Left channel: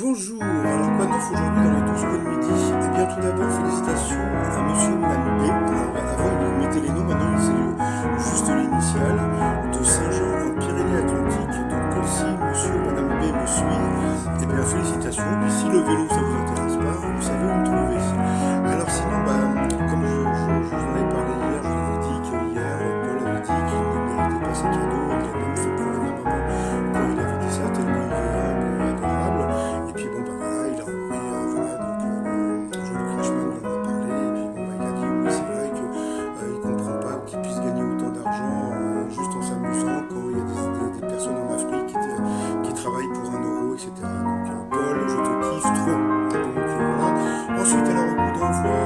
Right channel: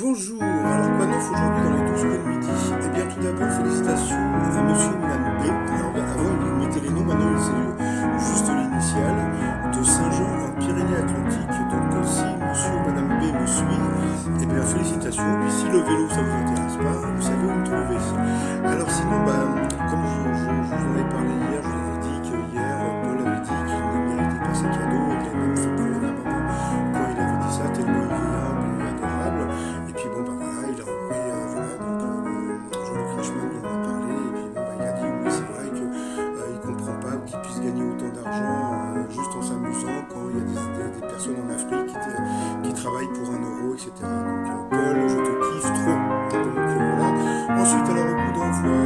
Bonjour, alors quoi de neuf aujourd'hui dans les 12 coups de midi? Eh bien tout d'abord félicitations à monsieur ou madame B. Alors, avant il mettait les noms, maintenant c'est juste l'initiale de Saint-Jean en Pyrénées-Atlantiques. Donc si monsieur ou madame B me suit, eh bien félicitations. Puis si le vélo ça vous intéresse pas, vous savez où me trouver. Alors sinon, comme je vous en avais parlé hier, je vous avais dit que hier Paul avait dit qu'il ne méritait pas ses cadeaux, et il a même fait pleurer ma maman quand il avait dit ça, tellement il est humble et adorable. Et puis bon voilà, il a envoyé voilà, donc Jean-Luc Reichmann lui en a parlé, et puis bon il a dit oui c'est vrai qu'il ne comprend pas qu'il puisse gagner autant d'argent juste en s'amusant quand il y a des personnes en Afrique qui travaillent pour 1 euro, etc. Donc Paul, je te kiffe trop. Donc voilà. Ensuite alors au bout d'envoi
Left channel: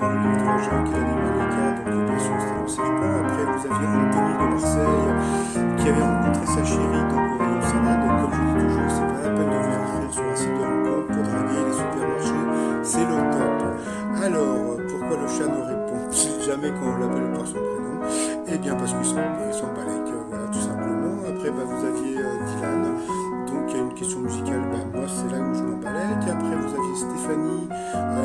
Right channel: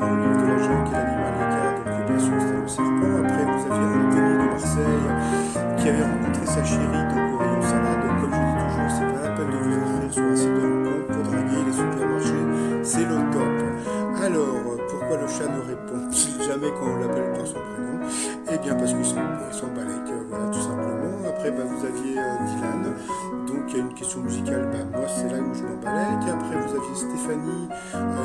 dans le livre de la jungle et l'animal Eka, donc bien sûr c'était le serpent. Après vous aviez Anthony de Marseille qui avait rencontré sa chérie donc au rayon salade. Donc comme je dis toujours, c'est pas la peine de vous inscrire sur un site de rencontre pour draguer les supermarchés, c'est le top. Alors pourquoi le chat ne répond-il jamais quand on l'appelle par son prénom? Eh bien parce qu'il s'en balèque, voilà tout simplement. Après vous aviez Dylan, donc il y a une question musicale, moi c'est là où je m'emballais. Après vous aviez Stéphanie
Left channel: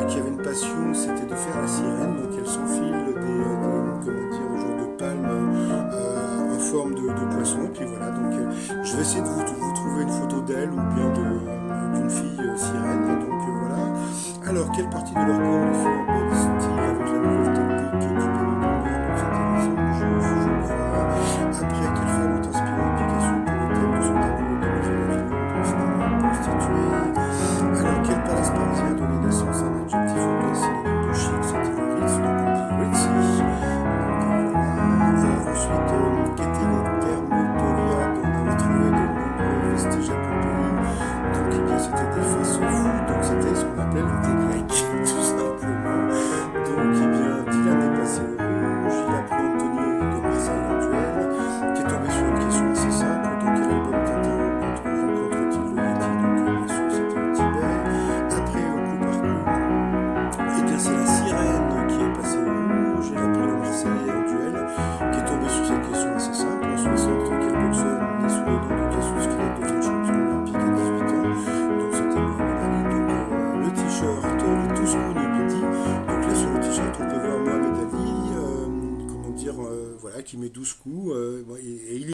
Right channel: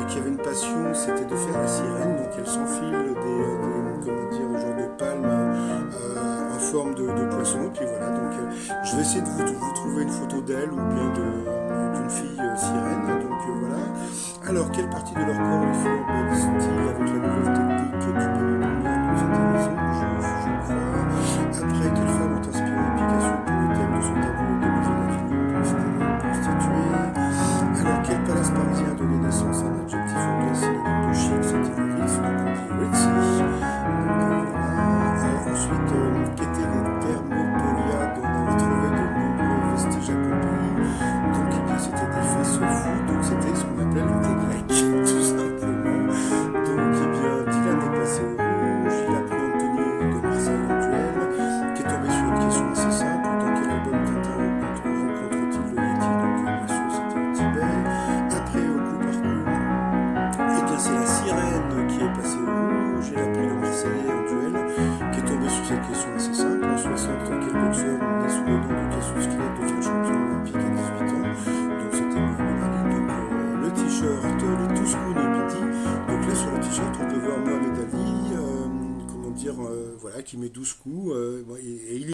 qui avait une passion, c'était de faire la sirène, donc elle s'enfile des genre de palmes en forme de poisson, et puis voilà, donc je vais essayer de vous trouver une photo d'elle ou bien d'une fille sirène, donc voilà. Alors quelle partie de leur corps les filles embellissent-ils avec la nouvelle technique du baby boomer? Donc c'était les ongles, je crois. Après, quelle femme ont inspiré Picasso pour le thème de son tableau de Maison d'Avignon? Donc c'était une prostituée. Alors quel palace parisien a donné naissance à un adjectif anglais synonyme de chic? C'était le Ritz, donc on dit Ritzy. Donc voilà. Ensuite, qu'étaient les thermopolia dont on a retrouvé de nombreux vestiges à Pompéi? Donc eh bien c'était des face-fous, donc c'était ce qu'on appelle des Grecs, tout simplement. Donc eh bien Dylan est passé au rouge, il a pris Anthony de Marseille en duel, qui est tombé sur une question assez simple, dans quel album Tintin rencontre-t-il le Yeti? Donc bien sûr c'était au Tibet. Après au coup par coup, eh bien c'est la sirène qui est passée au rouge, elle a pris le Marseillais en duel, qui est tombé sur cette question assez simple, en 60, quel boxeur né sous le nom de Cassius Clay devient champion olympique à 18 ans? Donc c'était Mohamed Ali. Donc le t-shirt, les 12 coups de midi. Donc là sur le t-shirt on peut voir Mohamed Ali, voilà, qui met 12 coups, et il est